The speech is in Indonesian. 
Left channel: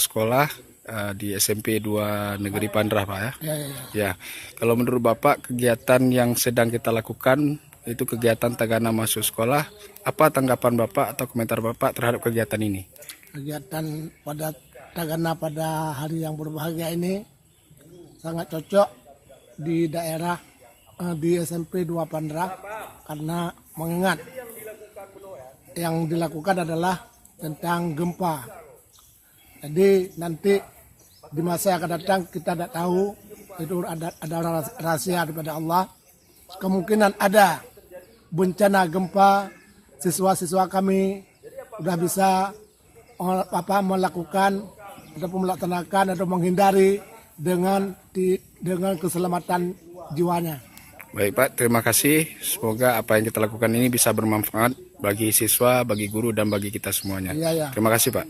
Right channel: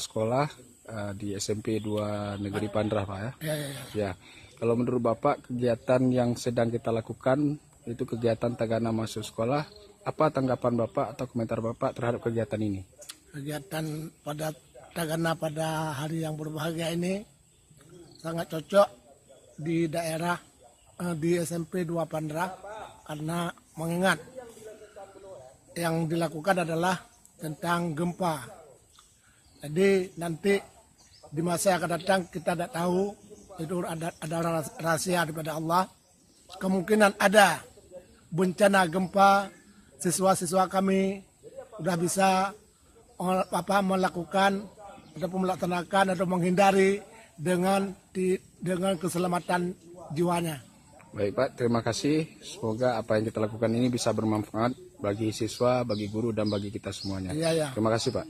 sekolah di SMP 2 Negeri Pandrah, Pak ya. Ya, ya. Ya, kalau menurut Bapak kegiatan yang sedang kita lakukan itu kegiatan Tagana masuk sekolah, apa tanggapan Bapak atau komentar Bapak terhadap kegiatan ini? Kegiatan pada Tagana pada hari yang berbahagia ini sangat cocok di daerah di SMP 2 Pandrah, karena mengingat yang dilakukan adalah tentang gempa. Jadi nanti di masa yang akan datang kita tidak tahu, itu ada rahasia daripada Allah. Kemungkinan ada bencana gempa, siswa-siswa kami sudah bisa melakukan ataupun melaksanakan atau menghindari dengan keselamatan jiwanya. Baik Pak, terima kasih. Semoga apa yang kita lakukan ini bisa bermanfaat bagi siswa, bagi guru, dan bagi kita semuanya. Ya, ya. Terima kasih Pak.